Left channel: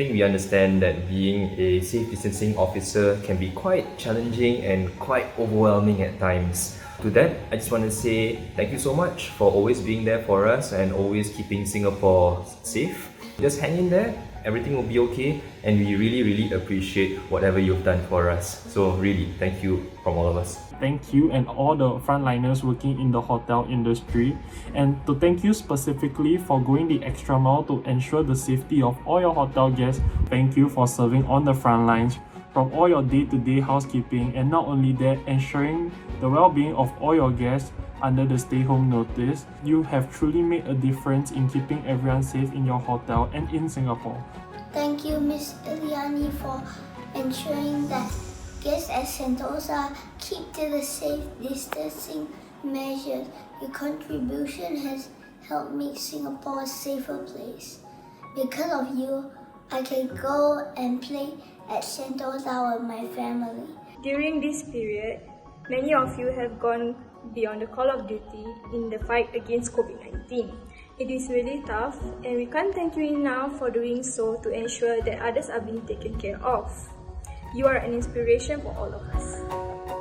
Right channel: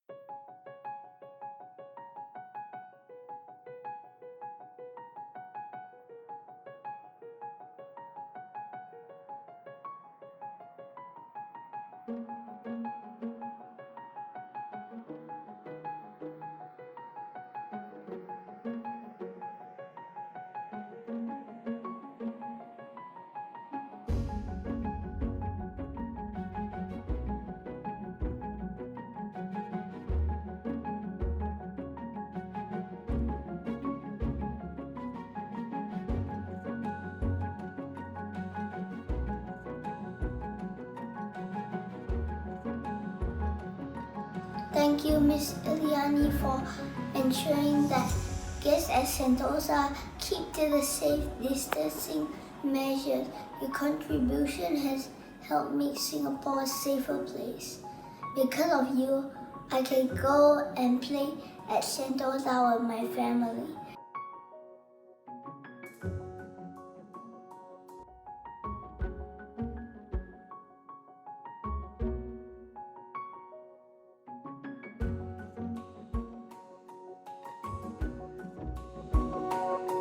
think we understand that being a safe distancing officer can be quite challenging and quite overwhelming at times. To that, I just want to say thank you so much for always being there for us and always keeping Singapore safe. Just hang in there, everything will be okay, and we really appreciate whatever you've done for us. So really, thank you from all of us. Thank you and all the frontliners working in the hotel industry, and to thank you specifically for going the extra mile to ensure the safety of all your hotel guests. Thank you for serving on the front lines from all your day-to-day housekeeping, and not only that, ensuring the well-being of all your guests under the stay-home notice. You have truly made a difference in keeping everyone safe in your hotel and in Singapore. Thank you, Ms. Eliani, for ensuring that guests at Sentosa keep to the safe distancing measures. Your contribution has helped make Singapore a safer place. Because of you, I can go and play at Sentosa with my family. During this period, many of you have gone beyond the call of duty in the fight against COVID-19. It is really tough, and we can't thank you enough for doing so to ensure that others are being taken care of. You are an inspiration for all of us.